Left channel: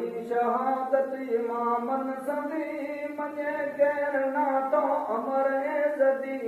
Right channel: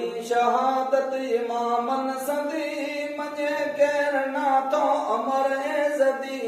आई शहादत इमामन सदी मजे कहना तो अमर जदी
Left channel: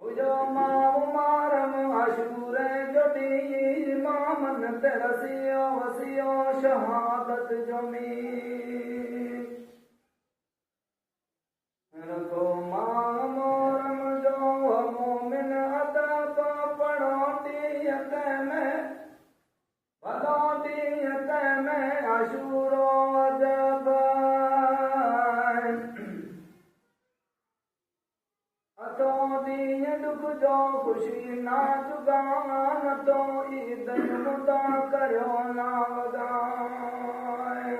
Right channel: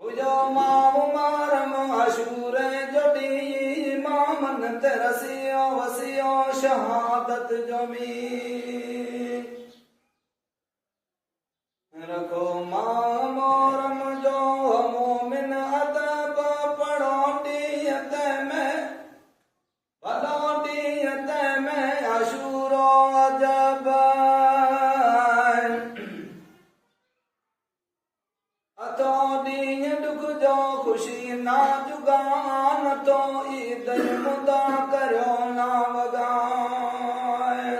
हुजो माव मारम अशूर जडी इमामन तरसियो वसियो शहादत जमी रखो मां मोरम जो मोमिन अदब पढ़ोटियत में भलोटियत में अशूरो जब अतोड़ी दुख जो खुशी ना जुगान तो ईद मुदा करो ना वगाए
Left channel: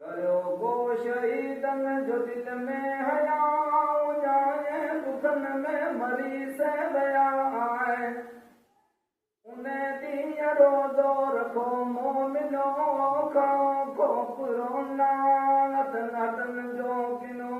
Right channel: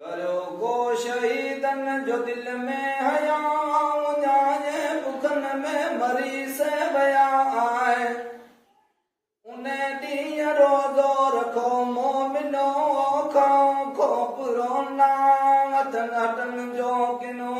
करो गो शहीदन जो दिल में हया जाए बुखन में मरी से बया आए उन्हें दिया रोजो रखो मोमिनो खाओ खोपरो ना अतन अटन जो किनो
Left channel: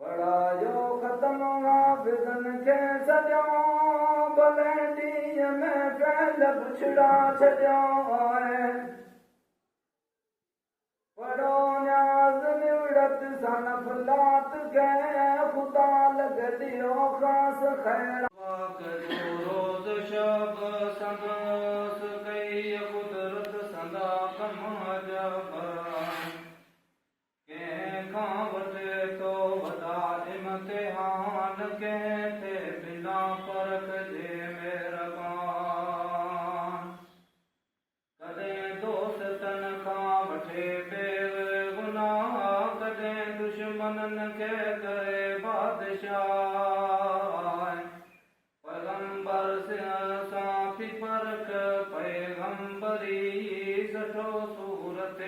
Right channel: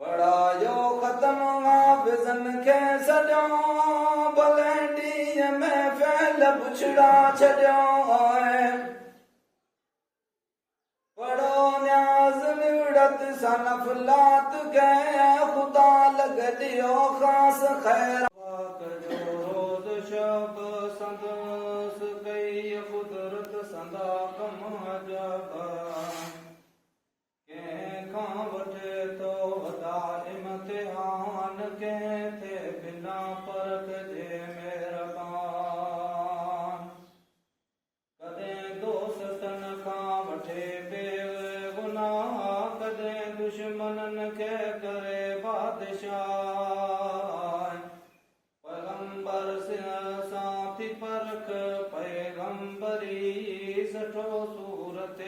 पढ़ायो खत्म हाफिजन के सजो भले में फैल पुछड़ा छड़ो पढ़ो न्याज निवड़त सनफलात के खुदा लग दियो खास खैर रोज शब सब गई कुदरत सदा कम जब के खां वठे तो वॾा इम्तिहान के थे बिना परख जे मेहरबान कदें दोस्तन खां वठे बेगुनाह कदें दुश्मनन के करे बादशाह पैगंबर से साथी परख पैगंबरी सठो सूरत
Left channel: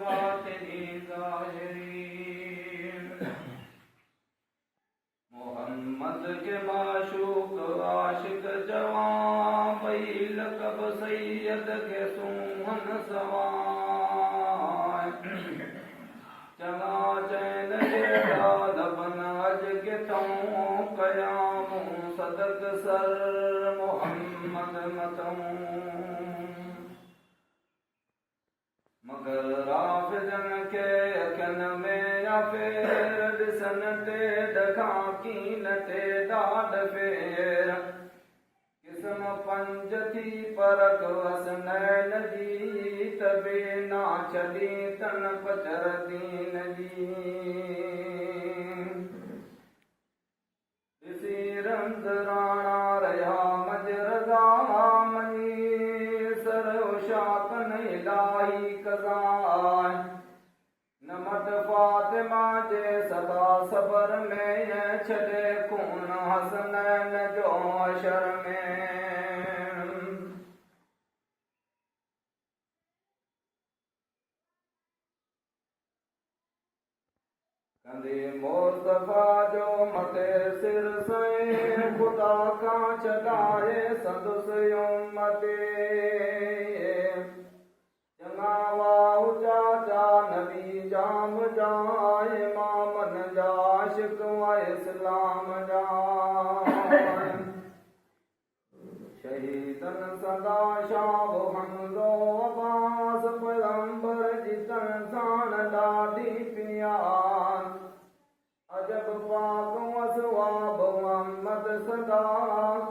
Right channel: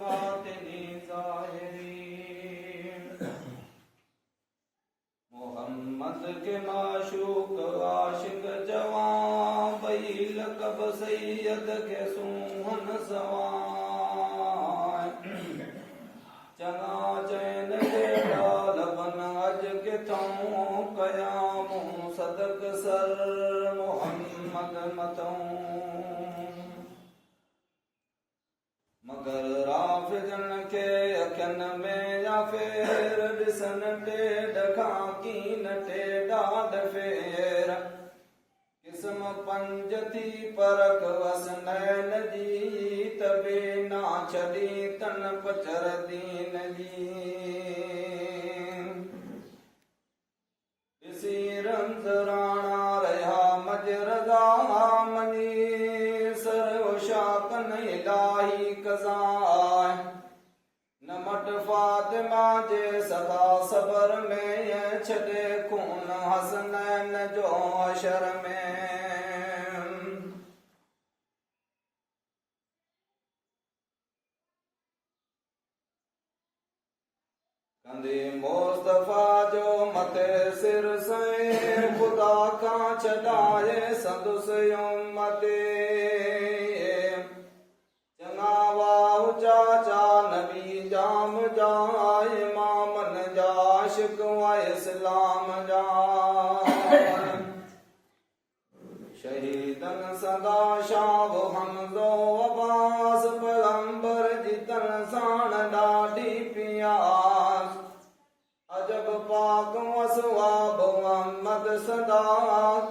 बातिनी ज़ाहिरी मोहम्मद के माशूक आशिक जवां बई लकब सैयद के सुमन सवां चंगा चैन जेड़ा लबन अज के तों कयाम सदक सर मोहम्मद मतों मगर राफिजन के अखन में या फेर दिसन टेड खाकी नटे डाड फेर किस्म पंज थी परख वस नैन जी तबे ना छड़ी तन पचर दीन जी इसी रंज राणा रहा मजरगा मनी सर शाकन इलाही कज़ाए नमट फातिमा जे सदा सबर में छड़े खून हसनैन जो अशर में कंदे मुस्तफा जो मते सिर से खुदा का चढ़ाए सदुस उम्मते चाचा नबी जाम जाए मामन जाशिक व इस्लाम जा शहीदन सदा शाब हमजो अब्बास पैगंबर जितन साण डाढी पियास अजब पाक वसवाब मोहम्मद सदा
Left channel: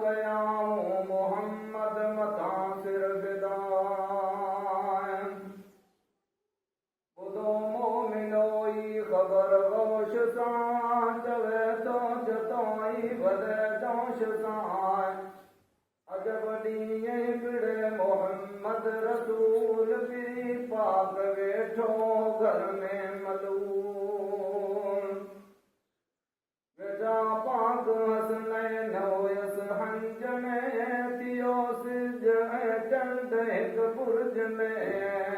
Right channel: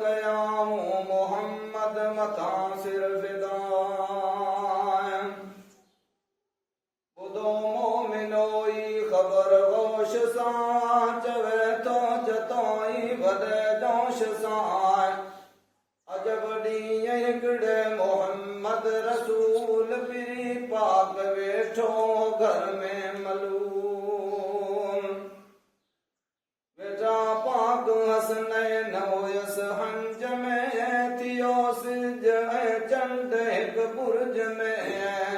कयाम मोहम्मद मता सिर फिदा खबर गोश सां चवे तो जतोई भले दोष सां अजब ॾींहुं हिकिड़े मोहम्मद रसूल पीरी पाक वेठो घर में मलूम वेठा पाक हसनैन हुयस हंज में थियो सिज ऐं चंड हिकु बुर्ज में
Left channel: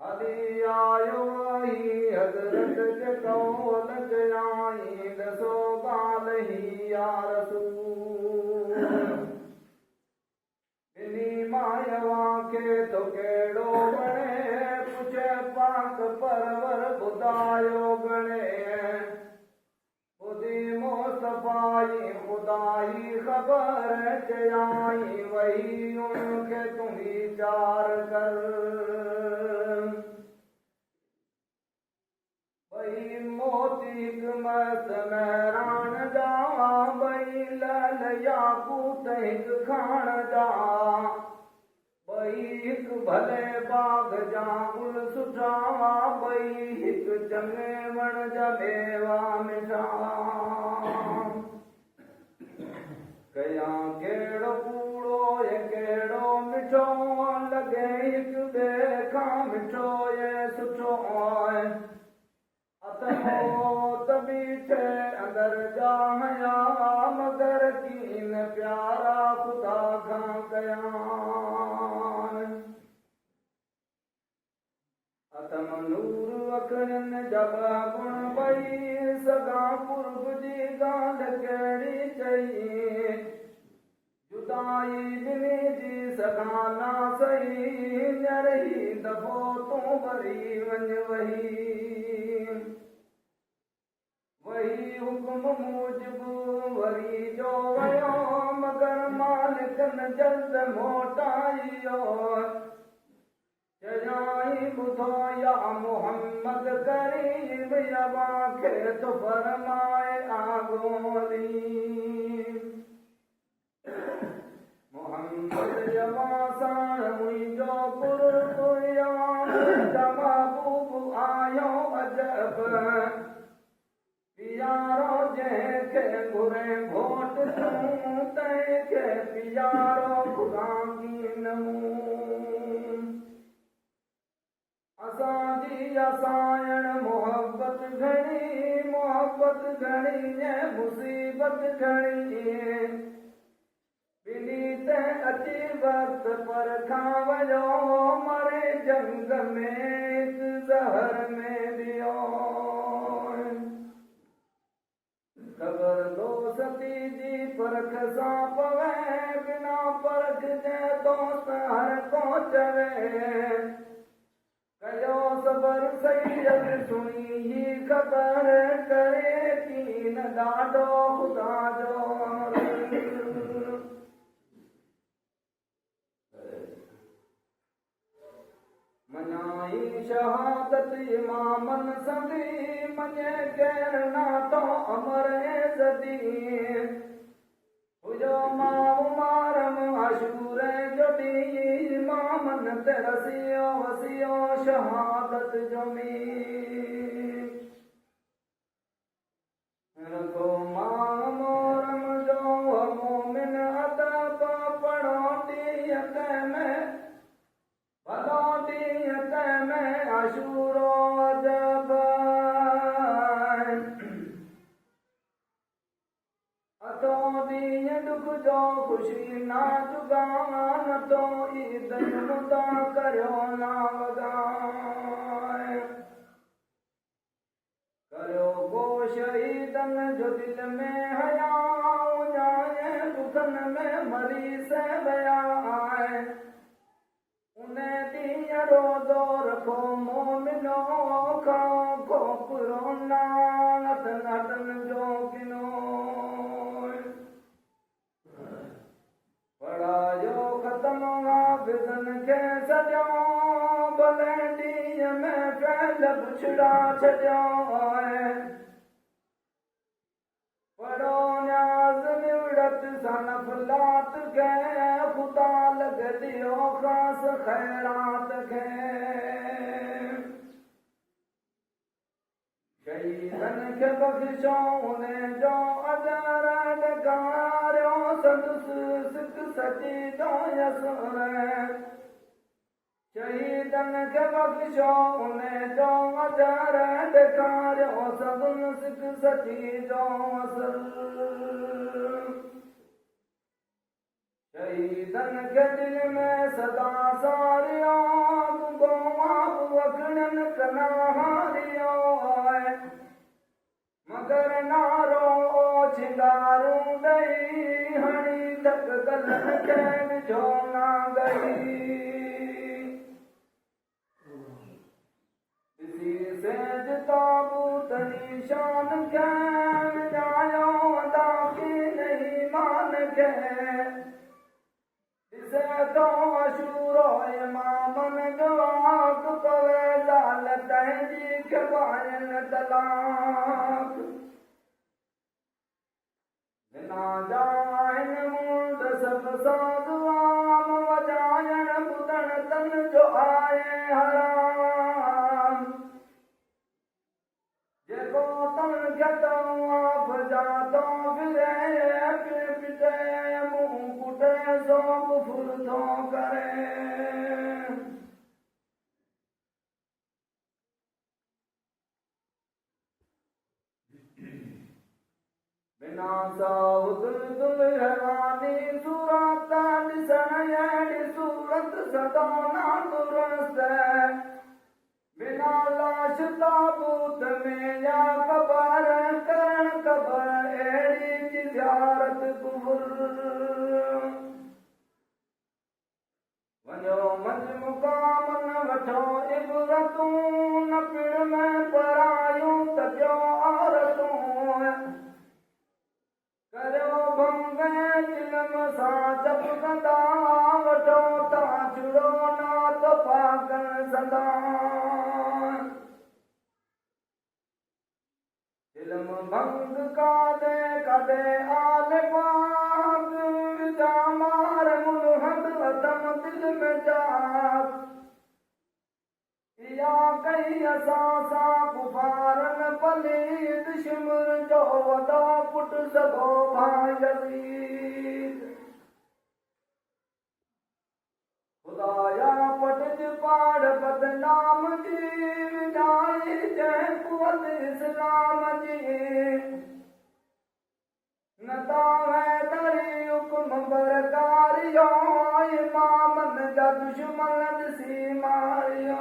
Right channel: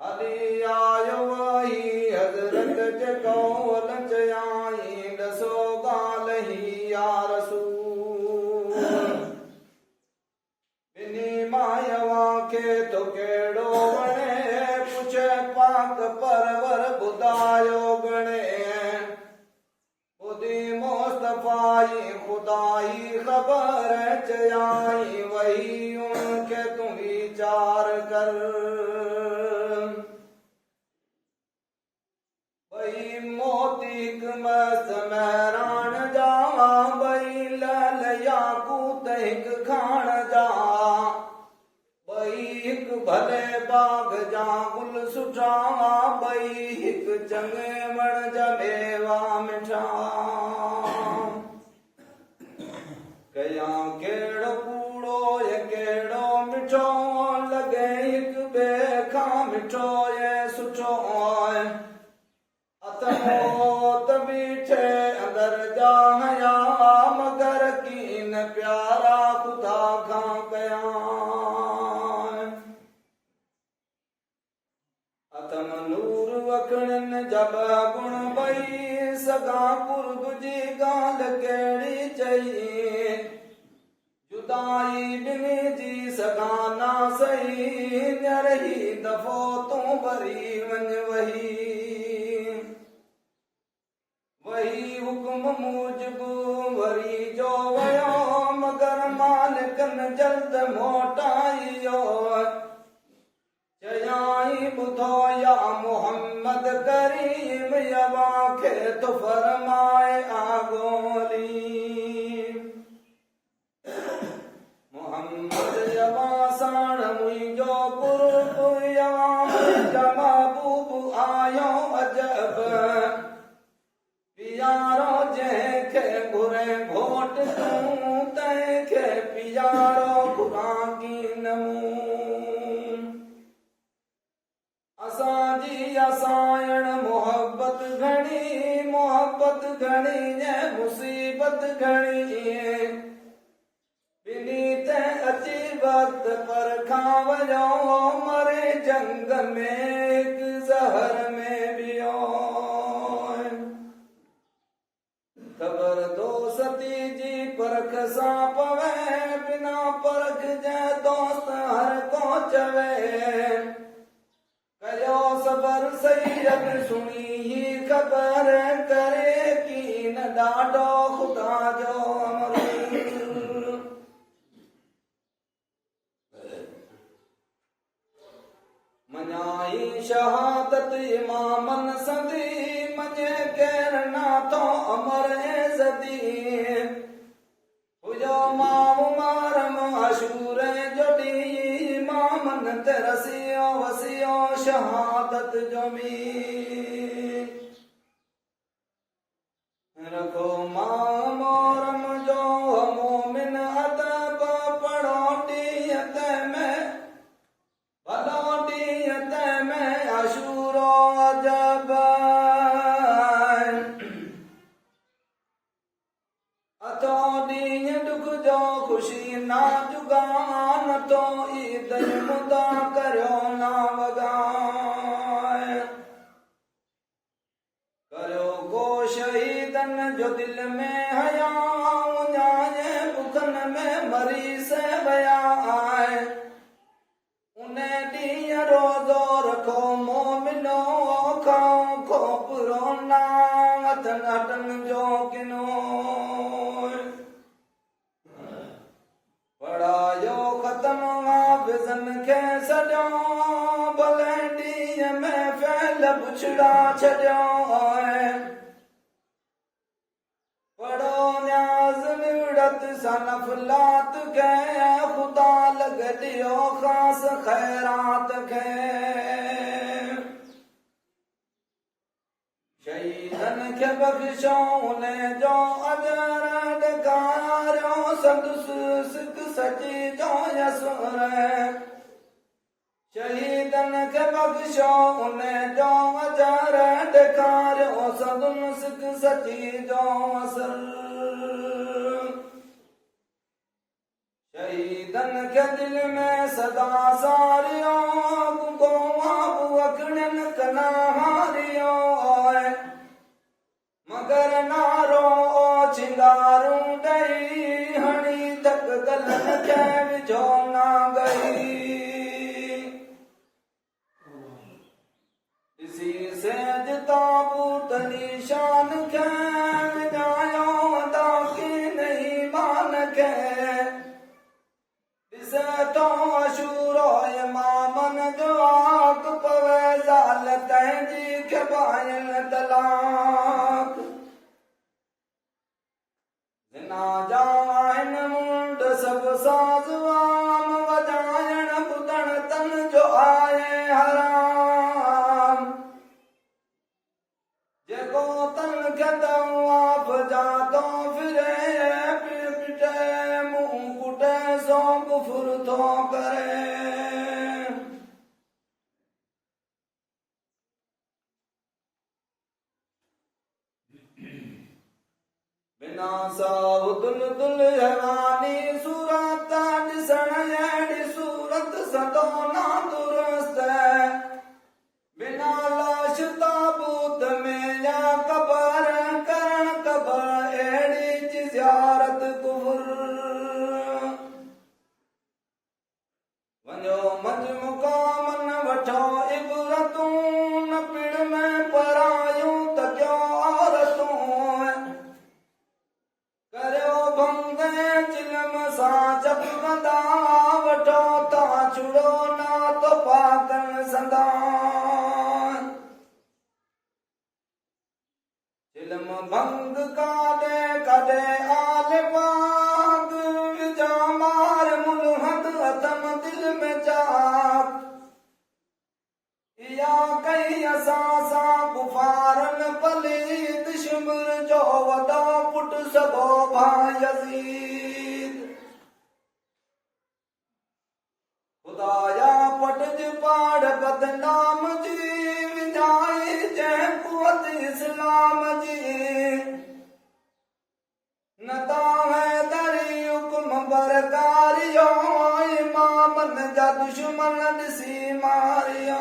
हली आयो वही हज़रत जकौल चयाई दसो गाल ही या रसूल बिनी मायवा के तो केड़ो बणे पुछे पाक परवर बुधायो गणे बुधी मुस्तफाई खुदाई खबर चया जाई वही उनके तू विचार कर। वही मोतीक मस्त मैरान जावा बई लाल याकूत हिक खान जा। बई हिक भले बाग जा गुल सुठावा बई हिक चंगे वण जमेवा मिठा। कया केड़ो कूड़ो ये केड़ो मिठो लगे हिक ॿिए खां मिठो ये सुठो। अतमोत बीठे अंदर जा हया मगर कीन प्यारा खुदा खां कया। अतम नूर वखणन जब गुण बई सगा कुर्ब जी गाल केड़ी चई। जुदाई बिनी जी सगा ना सही नरही दफ़ो तू भरी वञ वही। वही हुक्म मूजिब वरी जो वयो मगर मालिकन जल्द मोटाइयो। चयाई बुधो या मोहम्मद करीम यवा खे तो फरमाए आगोली। मोहम्मद यवा साण मुंहिंजो कुर्ब यवा मुंहिंजा महबूब आयो अजब। पियारो जंहिंखे घुरे घोट तूं तंहिंखे पियारो घुरां नमूं। असांजी असायण मोहब्बत घणी ऐं मुसीबत घणी। बिनी ते अची वक्त पर खां वञो मरे जंग में हिक ज़हर में बियो। ख़बर दोस्ती जी परख सां पवे बिना परख जे दोस्त हर को चवे। कयो सबर सैयद सुनी ही ख़बर करे की न ॾाढो खुदा जो अमर। मञाई शहादत इमामन सदी मञे केर नाथो अमर ऐज़दी। हुजो माउ मारम अशूर जोड़ी इमामन ते रसियो वसियो शहादत जो मीर। रखो मां मोरम जो मोमिन अदब पढ़ो ॾींहं ते में भलो ॾींहं ते में अशूरो अजब। अथो ॾींहं ॾुख जो ख़ुशी ना जुगान तो ईद मुदा करियो ना वगाए। करियो को शहीदन जो दिल में हया उन्याए बुखन में मरी से वया आए। उन्हें ॾींहं रोज़ो रखो मोमिनो खाओ खोपरो ना अथन अटन जो किनो। पढ़ायो ख़त्म हाफ़िज़न खे सॼो भले ॾींहं में फैल पुछड़ा छॾियो। पढ़ो न्याज़ निवड़त सनफलात खे खुदा लग दियो ख़ास खैरात खे। शहीदन खे बख़्शो उन्हें जो अजर ॾेखारियो संदुस सिक सची जो यसुर। शहीदन खे बख़्शो उन्हें जो अजर ॾेखारियो संदुस सिक सची जो असर। शहीदन के दिल में सदा सारियो गुगो अखड़न कना हारियो। मगर नारो चिंगारू ॾई हणी धक गलन के विझो ना गई। इसी सेज ताबूत निशान के विञायो अदा की नहीं मान के। ॾिसे तो अशूरो इमामन जो आक पवे ज़ाल तंहिंजी खे पायल तलाक जिना जा आहिनि मुंड सभु साज़ आम वॼाइण ॿुधण तन जो आहे हराम जेको तन खे तवाफ़ जा तो फिरे पिटे मुंहुं कुटे सो कुफुर थो करे बिना साउदुल दुल हवानी सूरत ॾिसण अहिड़ी सूरत सदो ना दुरुस्त बिना लाश ताबूत में या कबर करण कबर अहिड़ी जी ज़ियारत कुफुर वञो मंझि मुकामन वठो इबरतूं न पिण में परायूं त कयो औरतूं करियो भंग चिलम सां चपकंदा वठो ता छुड़ो ना तो पाकन संदा चिलम भंग काॾे कॾे आल पाग विझा मार मुल्हद अथम दिल में चाक इहा कई असां सां कुफारन पलीद शिमर जो वॾो पुटु सॻो भाउ यज़ीद खुदाया पटज पाड़ बदनाम जी विधाई जंहिं कुवत इस्लाम जी नता हैदरी हुक्म बरकारियो इमामन जा दुश्मन ॾिसी मारियो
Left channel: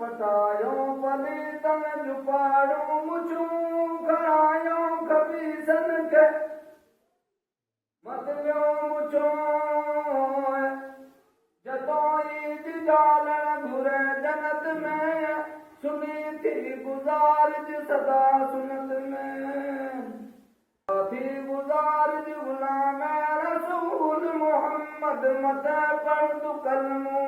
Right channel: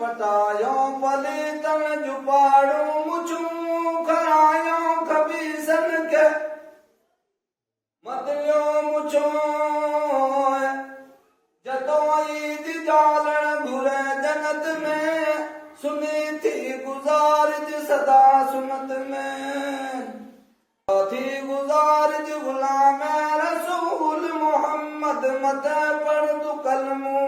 पटायो पलीतन जुपाड़ू मुछूं खरायो खबीसन के मतलियो मुछो जतो ईद जालण घुरे जन्नत में सुनी थी गुजारिज सदा सुनत में थी गुजारिज गुलाम रसूल मोहम्मद मत पढ़ तू कलमू